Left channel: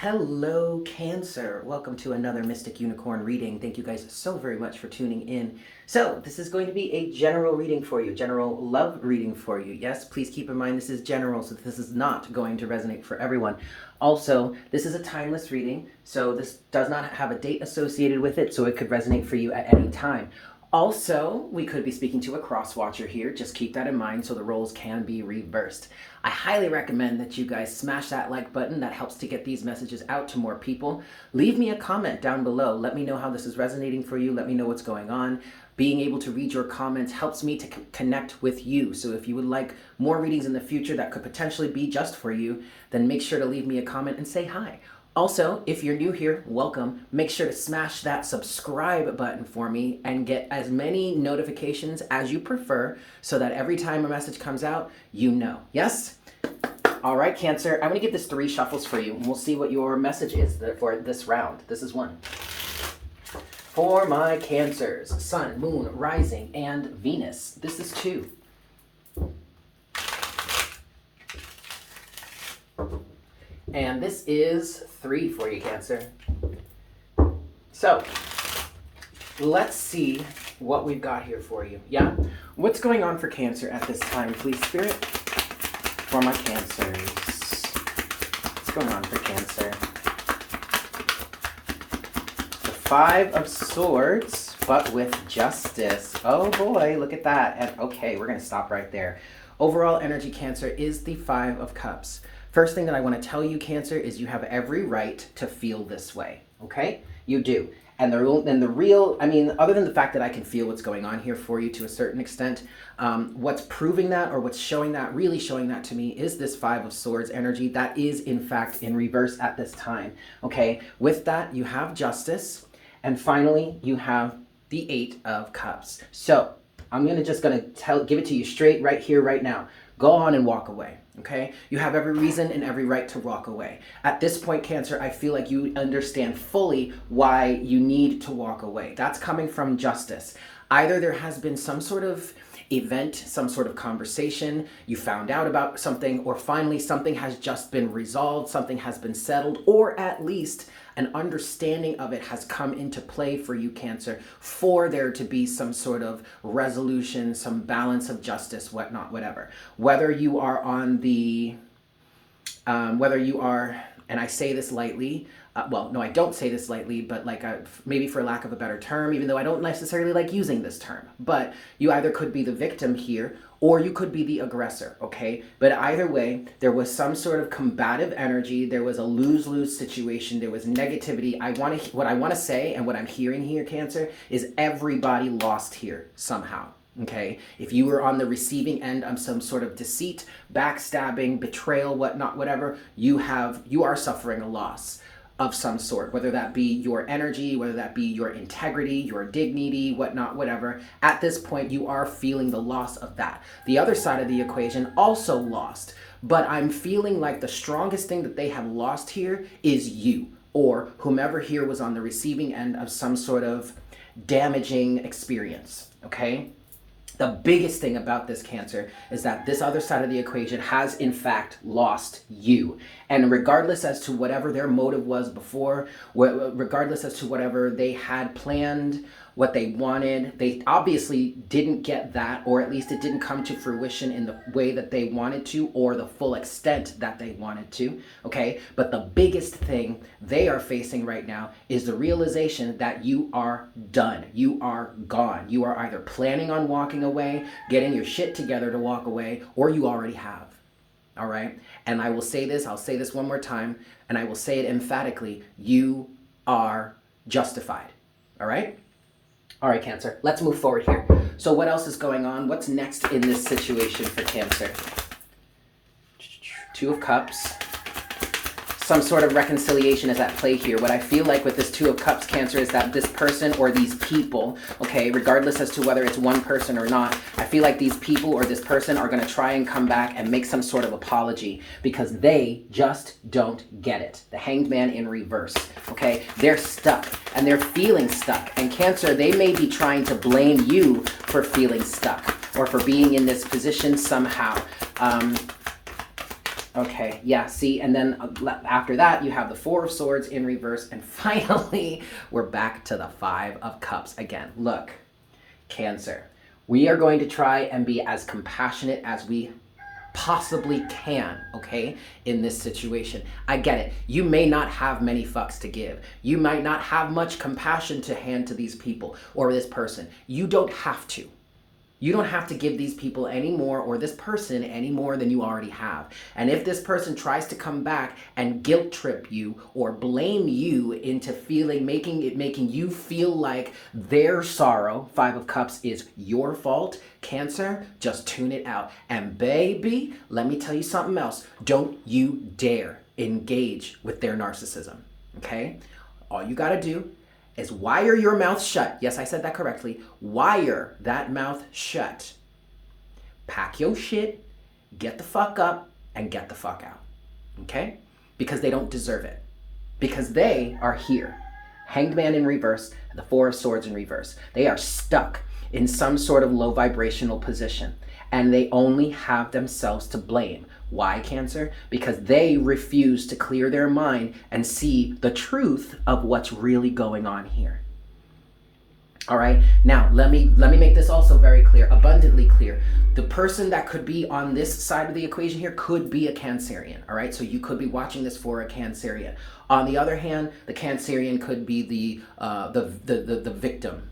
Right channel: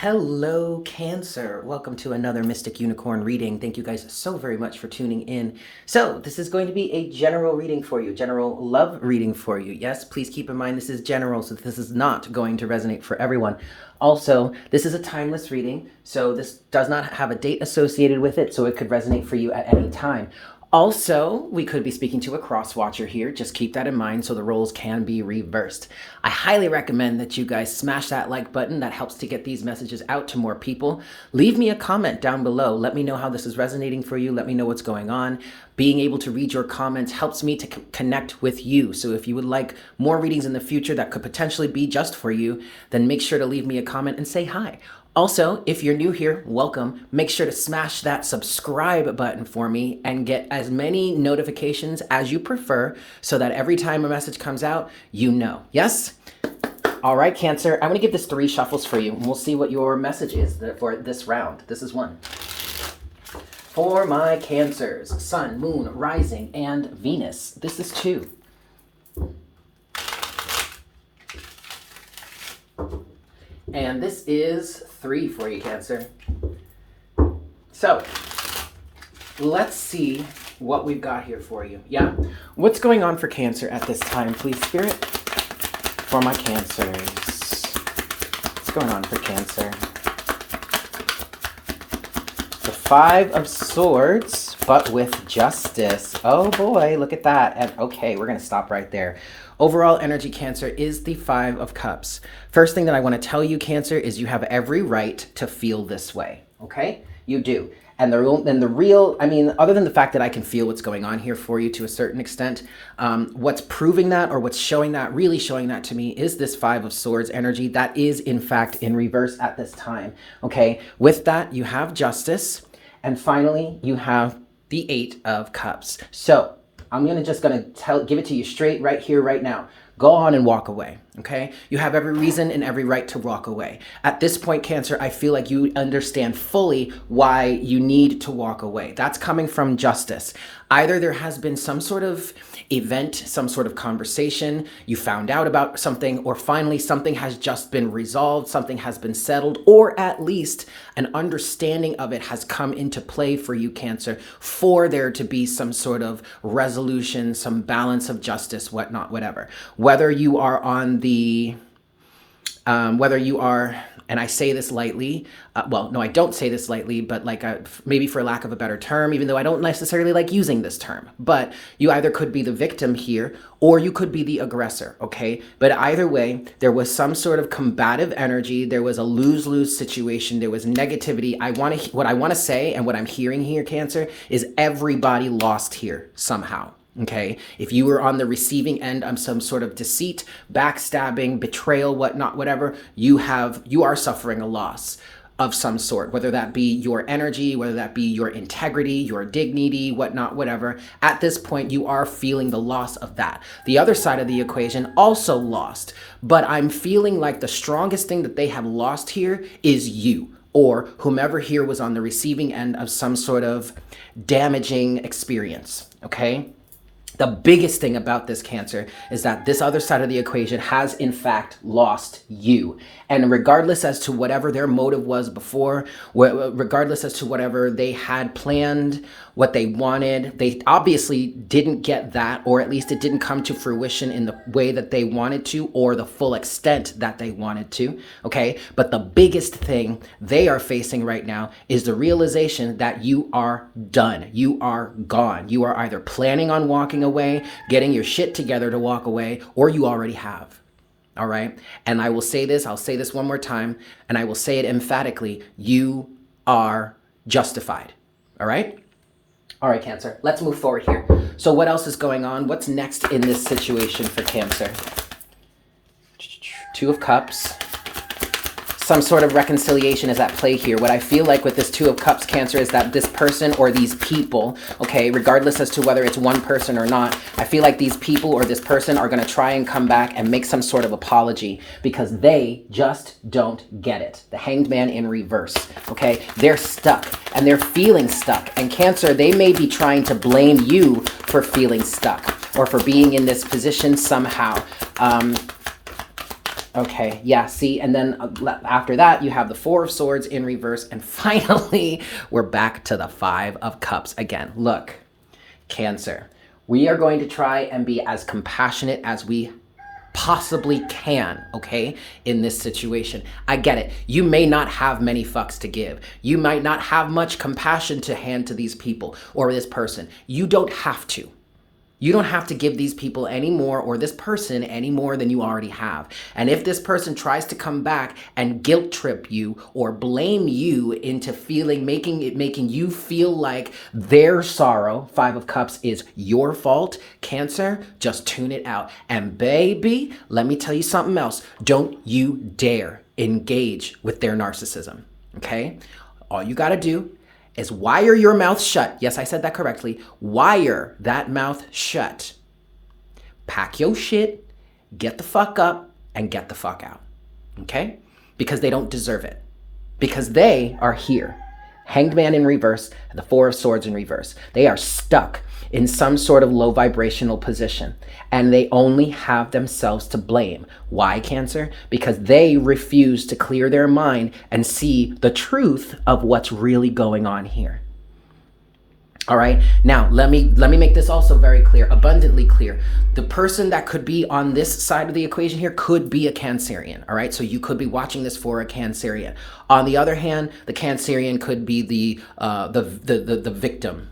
Hello, Cancer. Welcome to another Mystic Unicorn reading. Thank you guys so very much for tuning in. So, this is going to be a general reading for you, general love reading for you. Yes, please keep in mind this is general, so this is not going to resonate for everyone. Also, this is a timeless reading, so this does not have a date associated with it, so it could resonate for you at any time. Also, we could be speaking to a cross-watcher here. Just keep that in mind so the roles can be reversed. I highly recommend that you guys smash that like button. That helps to get these messages out to more people. Leave me a comment down below. Let me know how this is resonating for you. Let me know what's going on. Being able to read your comments helps me to connect with you. So if you would like more readings in the future that could potentially be just for you, then make sure to leave me a comment and say hi. Also, if you're new here, welcome. Make sure to smash that subscribe button for me and get as many notifications as you prefer so that every time a message comes out, you know. Yes? All right, Cancer. I'm going to give this 3 shuffles for you, and we'll see what your message is for this round. This is 1. For my Cancers, Sun, Moon, Rising, and Venus. This is 2. And this is 3 for you, Cancer. So, let's see what we've got here for you. Yeah? What's going on for Cancer at this time, please, Spirit? For my Cancers. What's going on for Cancer? The 5 of Swords, but with justice. Oh boy, look at that. And okay, we're going to stop right there. Overall energy, Cancer, is the 5 of Cups. First thing that I want to tell you, Cancer, is you have every right to feel this way, okay? You do. And the real, I mean, other than the fact that I can feel what's going on here for you to a certain extent, what's proving that or what's showing that, really showing that to me, is this 5 of Swords energy that is, in fact, in reverse at this time, okay? With that, you have Justice, and finally, you have the 8 of Cups. So, I'm gonna give it to you straight right here, right now. Go on and walk away, okay? You have every reason and every right to walk away. At this point, Cancer, I feel like you understand fully why you need to walk away. That's coming from Justice. Either there has been some sort of event, some sort of conversation, you found out about something, or finally something has just been resolved, something has been settled, or at least an understanding of it has come into play for you, Cancer, for there to be some sort of resolution, some balance of justice, whatnot, whatever. Whether you are on the, and I say this lightly, well, no, I don't say this lightly, but like maybe for lack of a better term, even though I don't necessarily like using this term, but you either could be the victim here or you could be the aggressor, okay? But either way, there was some sort of combative energy. There was a lose-lose situation. There was negativity. What I want to say and what I'm hearing here, Cancer, is everybody lost here somehow. Okay, if you were on the receiving end of some sort of deceit, backstabbing, betrayal, whatnot, whatever, you are suffering a loss of some sort, whether that be your energy, whether that be your integrity, your dignity, whatnot, whatever. At this point, you are feeling the loss of that. The other side of the equation also lost, but I'm feeling like the strongest thing that they have lost here is you, or whomever here was on the receiving end of some sort of damaging experience, okay? The biggest thing about this, Cancer, is that this other side of the equation has, in fact, lost you. And regardless as to whatever their motive was before, regardless as to whatever they had planned, what they wanted, they obviously didn't get that, or at least it didn't come to fruition in the way that they wanted to, or the full extent that they wanted to, okay? But the biggest thing they are facing right now is the realization that you are done. You are gone. You are either planning on walking away, getting your shit together to walk away, or you already have. All right? And I will say this, I'll say this one more time, and I will say it emphatically, you are justified. All right? All right, Cancer, let's move forward here. So what else is going on? What's next in this situation for Cancer? 2 of Cups. Some sort of reconciliation is at play here. What I feel like with this 2 of Cups, Cancer, is that this person or these people, okay, regardless as to whether it's one person or not, I feel like these people or this person are going to try and come back and make some sort of apology because they just don't get it. The Hanged Man in reverse, okay? They're stuck and they're feeling stuck. And Cancer, they may be trying to blame you for feeling stuck or for being in this position somehow. Okay, yeah, see, and then after that, you have the Four of Swords in reverse, and finally, we're back to the Five of Cups again. Look, Cancer, we are going to try and be as compassionate as we possibly can, okay, in this situation. I get it. You may not have many fucks to give. You might not have much compassion to hand to these people or this person. You don't have to. You don't have to give these people any more, or this person any more than you already have. And if this person tries to come back and guilt trip you or blame you into making you feel like their sorrow, Five of Cups, is your fault, Cancer, just tune it out. And baby, let me tell you something else. Don't you dare engage with their narcissism, okay? All you gotta do is wire your mouth shut. Yes, I said that correctly. Wire that mouth shut. Pack your shit, get the fuck up, and get the fuck out. Okay? Because they don't deserve it. Because they are here. Hanged Man in reverse, the Four of Swords in reverse. They are stuck in some sort of low vibrational position, and they only have themselves to blame. Why, Cancer? Because they refuse to clear their mind and see the truth of what's really going on here. All right, now let me make this also very clear, abundantly clear. The person that could be on this side of the equation here could be a Cancerian. All right, so you could be watching this for a Cancerian. On the other hand, the Cancerian could be the victim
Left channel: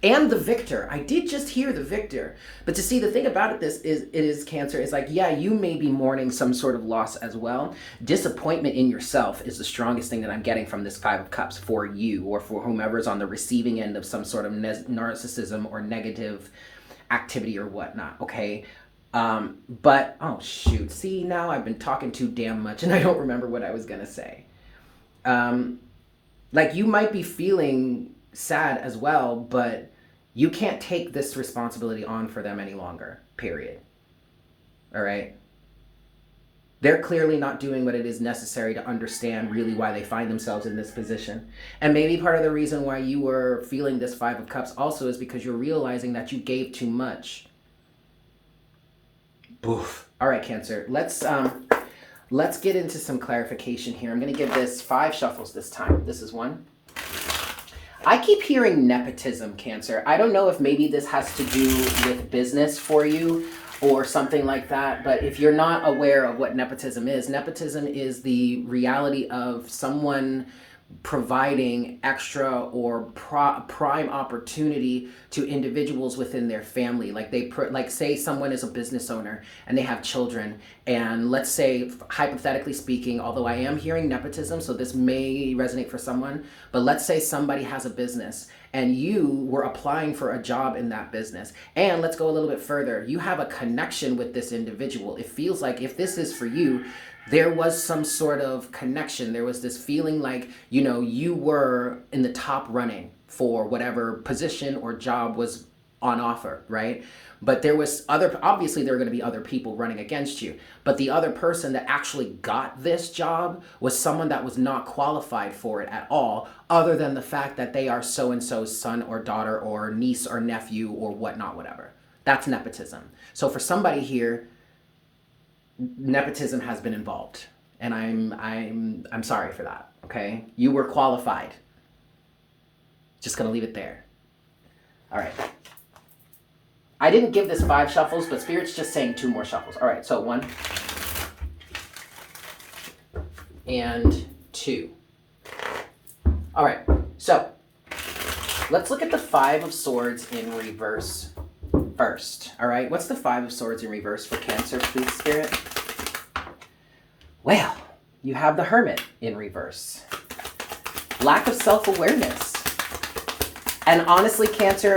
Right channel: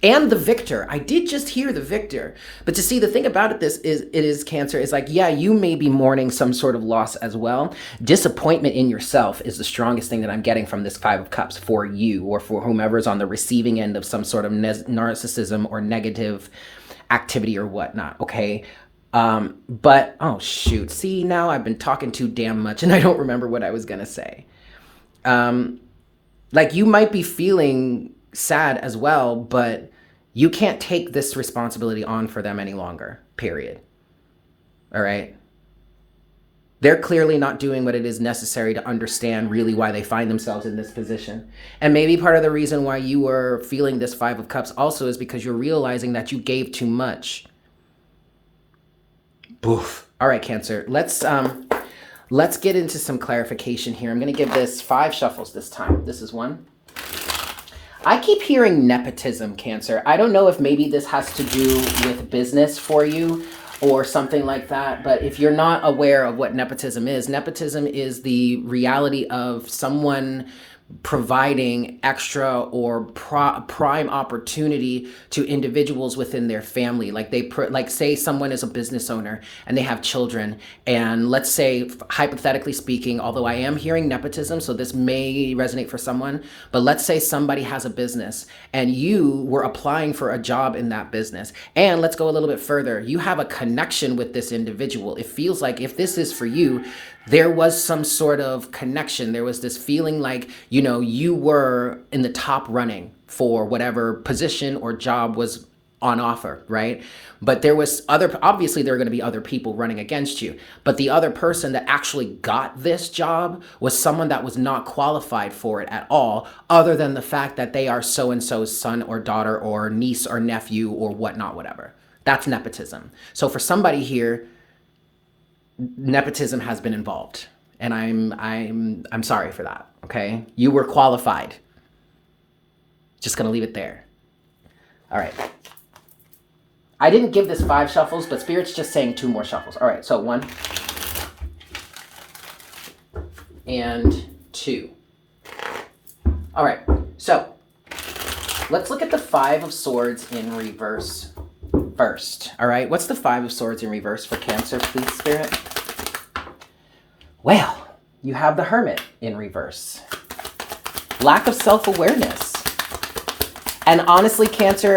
and the victor. I did just hear the victor. But to see, the thing about it is Cancer, is like, yeah, you may be mourning some sort of loss as well. Disappointment in yourself is the strongest thing that I'm getting from this Five of Cups for you, or for whomever's on the receiving end of some sort of narcissism or negative activity or whatnot, okay? But, oh shoot, see, now I've been talking too damn much and I don't remember what I was gonna say. Like, you might be feeling sad as well, but you can't take this responsibility on for them any longer, period. All right? They're clearly not doing what it is necessary to understand really why they find themselves in this position. And maybe part of the reason why you were feeling this Five of Cups also is because you're realizing that you gave too much. Boof. All right, Cancer, let's get into some clarification here. I'm going to give this 5 shuffles this time. This is 1. I keep hearing nepotism, Cancer. I don't know if maybe this has to do with business for you or something like that, but if you're not aware of what nepotism is the reality of someone providing extra or prime opportunity to individuals within their family. Like like say someone is a business owner and they have children, and let's say, hypothetically speaking, although I am hearing nepotism, so this may resonate for someone, but let's say somebody has a business and you were applying for a job in that business, and let's go a little bit further, you have a connection with this individual. It feels like, if this is for you, there was some sort of connection. There was this feeling like, you know, you were in the top running for whatever position or job was on offer, right? But there was obviously there are going to be other people running against you. But the other person that actually got this job was someone that was not qualified for it at all, other than the fact that they are so-and-so's son or daughter or niece or nephew or whatnot, whatever. That's nepotism. So for somebody here, nepotism has been involved, and I'm sorry for that. Okay, you were qualified. Just gonna leave it there. All right. I didn't give this 5 shuffles, but Spirit's just saying 2 more shuffles. All right, so 1 and 2. All right, so let's look at the 5 of Swords in reverse first. All right, what's the 5 of Swords in reverse for Cancer, please, Spirit? Well, you have the Hermit in reverse. Lack of self-awareness. And honestly, Cancer,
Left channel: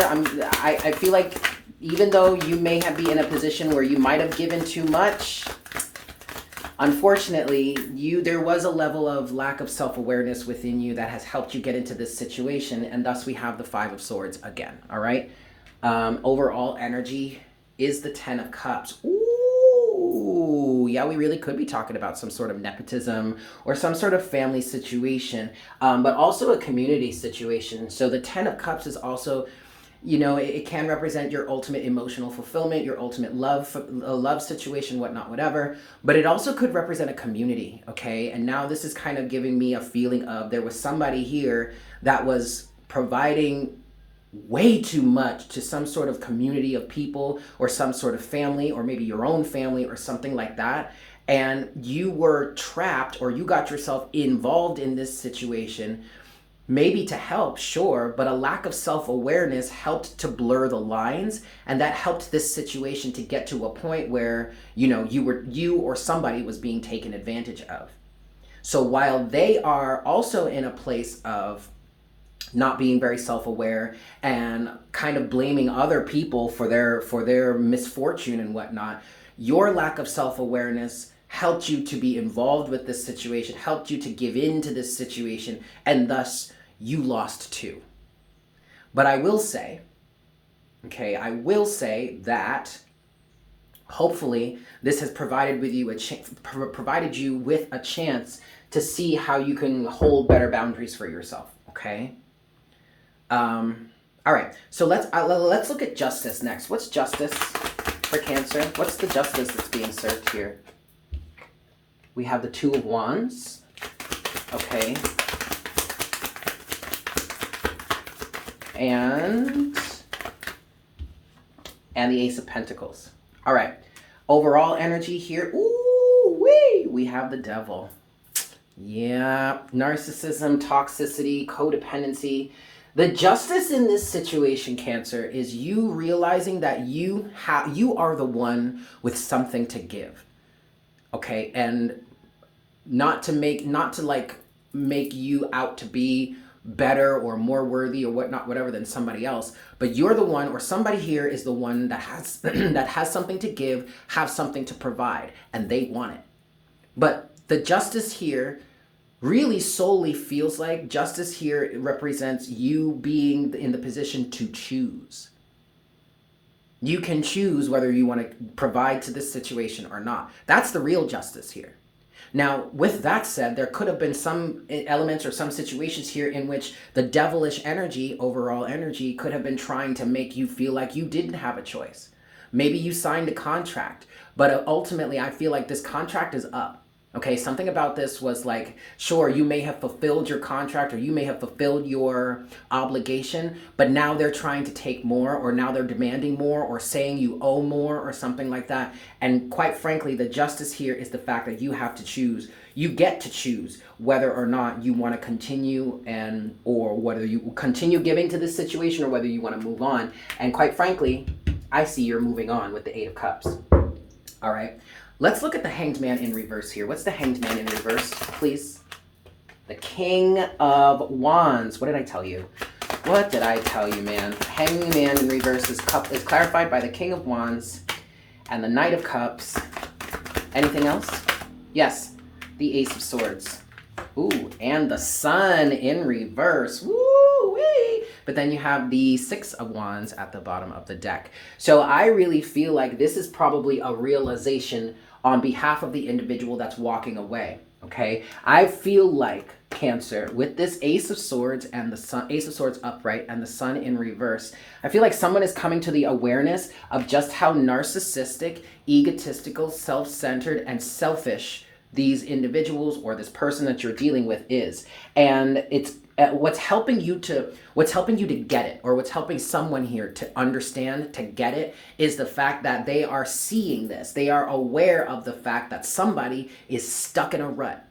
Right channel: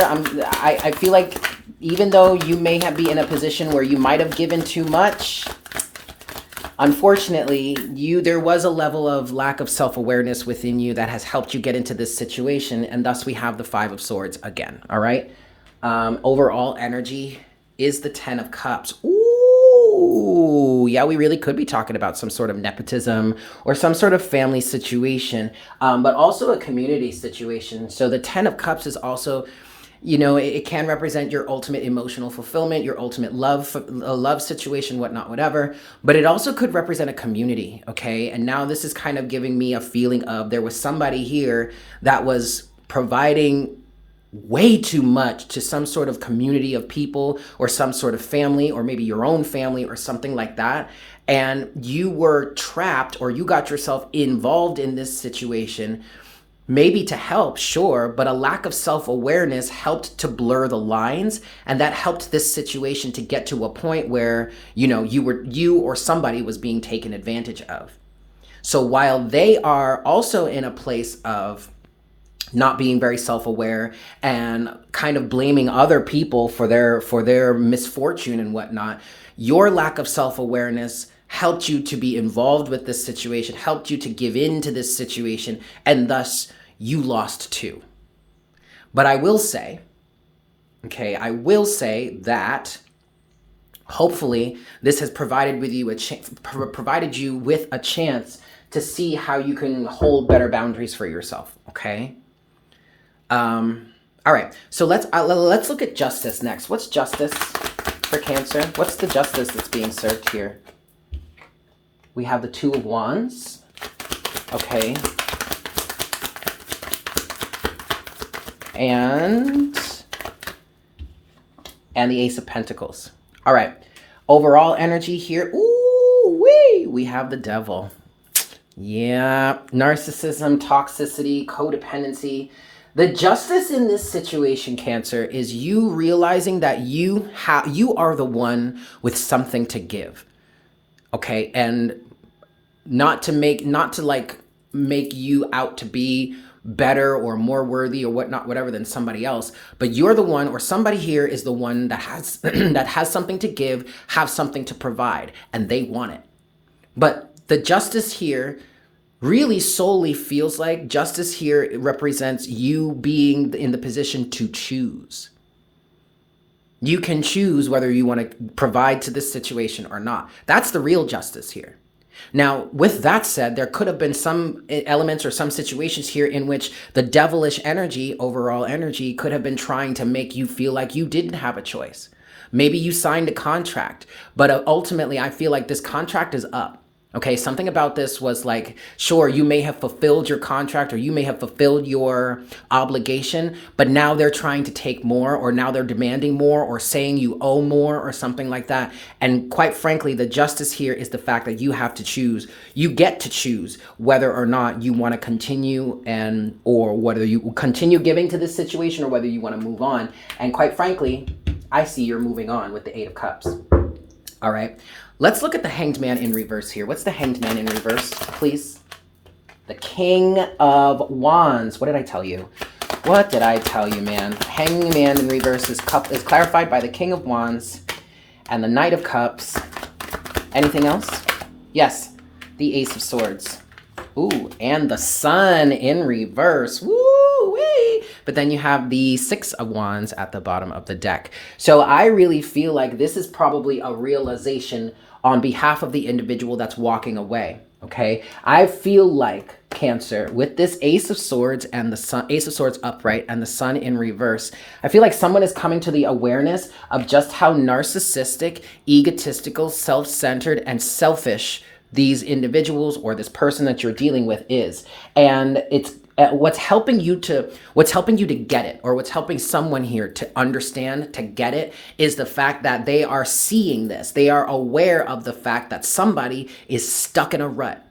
I feel like even though you may be in a position where you might have given too much, unfortunately, there was a level of lack of self-awareness within you that has helped you get into this situation, and thus we have the 5 of Swords again, all right? Overall energy is the 10 of Cups. Ooh, yeah, we really could be talking about some sort of nepotism or some sort of family situation, but also a community situation. So the 10 of Cups is also, You know, it can represent your ultimate emotional fulfillment, your ultimate love, a love situation, whatnot, whatever. But it also could represent a community, okay? And now this is kind of giving me a feeling of there was somebody here that was providing way too much to some sort of community of people or some sort of family or maybe your own family or something like that. And you were trapped or you got yourself involved in this situation, maybe to help, sure, but a lack of self-awareness helped to blur the lines, and that helped this situation to get to a point where, you know, you or somebody was being taken advantage of. So while they are also in a place of not being very self-aware and kind of blaming other people for their misfortune and whatnot, your lack of self-awareness helped you to be involved with this situation, helped you to give in to this situation, and thus you lost too. But I will say, okay, I will say that hopefully this has provided with you provided you with a chance to see how you can hold better boundaries for yourself, okay? All right, so let's look at justice next. What's justice for Cancer? What's the justice that's being served here? We have the Two of Wands, okay, and the Ace of Pentacles. All right, overall energy here. Ooh, wee! We have the Devil. Yeah, narcissism, toxicity, codependency. The justice in this situation, Cancer, is you realizing that you are the one with something to give. Okay, and not to make you out to be better or more worthy or whatnot, whatever, than somebody else, but you're the one, or somebody here is the one that has that has something to give, have something to provide, and they want it. But the justice here really solely feels like justice here represents you being in the position to choose. You can choose whether you want to provide to this situation or not. That's the real justice here. Now, with that said, there could have been some elements or some situations here in which the devilish energy, overall energy, could have been trying to make you feel like you didn't have a choice. Maybe you signed a contract, but ultimately I feel like this contract is up. Okay, something about this was like, sure, you may have fulfilled your contract or you may have fulfilled your obligation, but now they're trying to take more, or now they're demanding more, or saying you owe more or something like that. And quite frankly, the justice here is the fact that you have to choose. You get to choose whether or not you want to continue or whether you continue giving to this situation or whether you want to move on. And quite frankly, I see you're moving on with the Eight of Cups. All right. Let's look at the Hanged Man in reverse here. What's the Hanged Man in reverse, please? The King of Wands. What did I tell you? What did I tell you, man? Hanging Man in reverse is clarified by the King of Wands and the Knight of Cups. Anything else? Yes, the Ace of Swords. Ooh, and the Sun in reverse. Woo-wee! But then you have the Six of Wands at the bottom of the deck. So I really feel like this is probably a realization on behalf of the individual that's walking away, okay? I feel like, Cancer, with this Ace of Swords and the Sun, Ace of Swords upright and the Sun in reverse, I feel like someone is coming to the awareness of just how narcissistic, egotistical, self-centered, and selfish these individuals or this person that you're dealing with is. And it's what's helping you to get it, or what's helping someone here to understand, to get it, is the fact that they are seeing this. They are aware of the fact that somebody is stuck in a rut.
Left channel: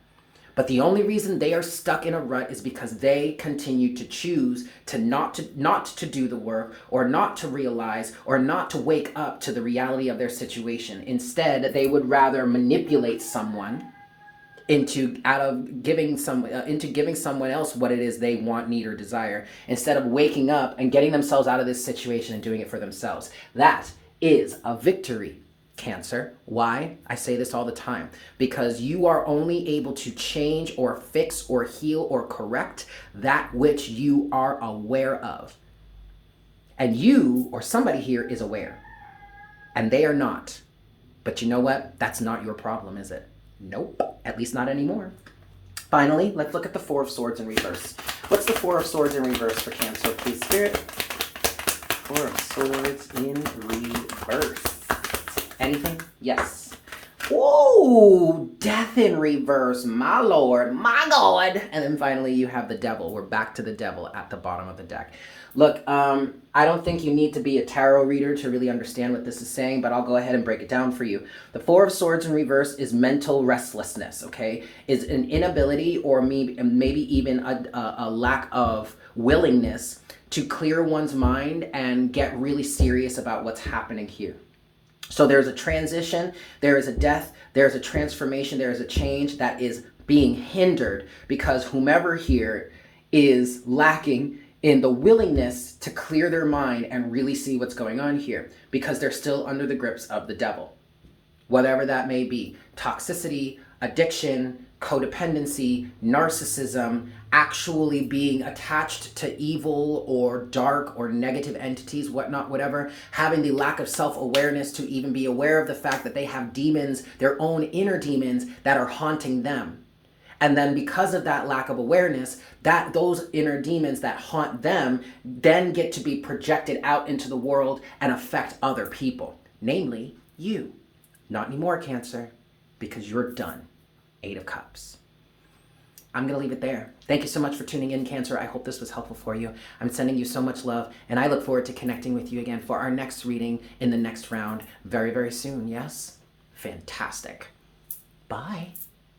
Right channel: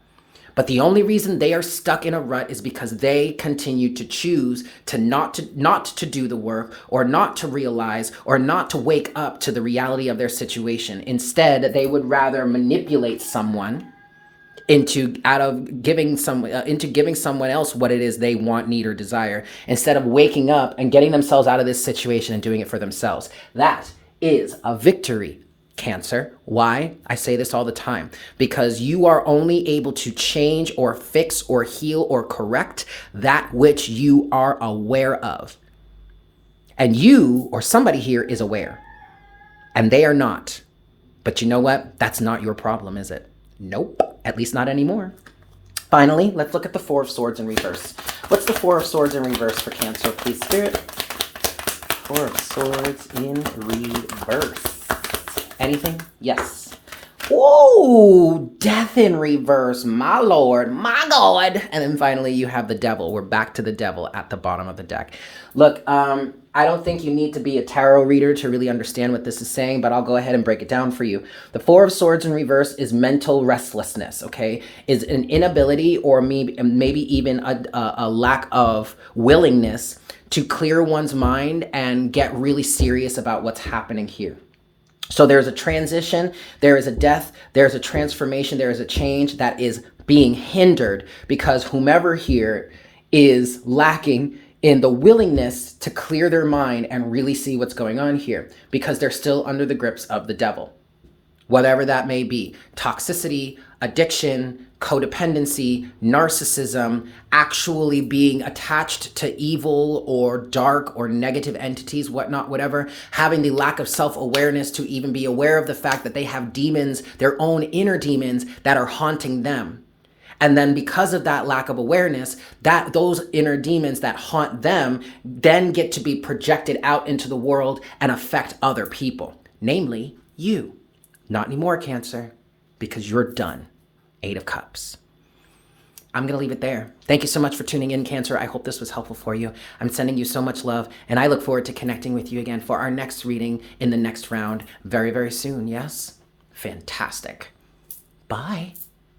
But the only reason they are stuck in a rut is because they continue to choose to not to do the work, or not to realize, or not to wake up to the reality of their situation. Instead, they would rather manipulate someone into giving someone else what it is they want, need, or desire, instead of waking up and getting themselves out of this situation and doing it for themselves. That is a victory, Cancer. Why? I say this all the time. Because you are only able to change or fix or heal or correct that which you are aware of. And you, or somebody here, is aware. And they are not. But you know what? That's not your problem, is it? Nope. At least not anymore. Finally, let's look at the Four of Swords in reverse. What's the Four of Swords in reverse for Cancer, please, Spirit? Four of Swords in reverse. Anything? Yes. Whoa! Death in reverse. My lord. My god. And then finally you have the Devil. We're back to the Devil at the bottom of the deck. Look, I don't think you need to be a tarot reader to really understand what this is saying, but I'll go ahead and break it down for you. The Four of Swords in reverse is mental restlessness, okay? Is an inability or maybe even a lack of willingness to clear one's mind and get really serious about what's happening here. So there's a transition, there is a death, there's a transformation, there is a change that is being hindered because whomever here is lacking in the willingness to clear their mind and really see what's going on here because they're still under the grips of the Devil. Whatever that may be, toxicity, addiction, codependency, narcissism, actually being attached to evil or dark or negative entities, whatnot, whatever, having the lack of self-awareness to even be aware of the fact that they have demons, their own inner demons that are haunting them. And then because of that lack of awareness, that those inner demons that haunt them then get to be projected out into the world and affect other people, namely you. Not anymore, Cancer, because you're done. 8 of Cups. I'm going to leave it there. Thank you so much for tuning in, Cancer. I hope this was helpful for you. I'm sending you so much love, and I look forward to connecting with you again for our next reading in the next round very, very soon. Yes? Fantastic. Bye.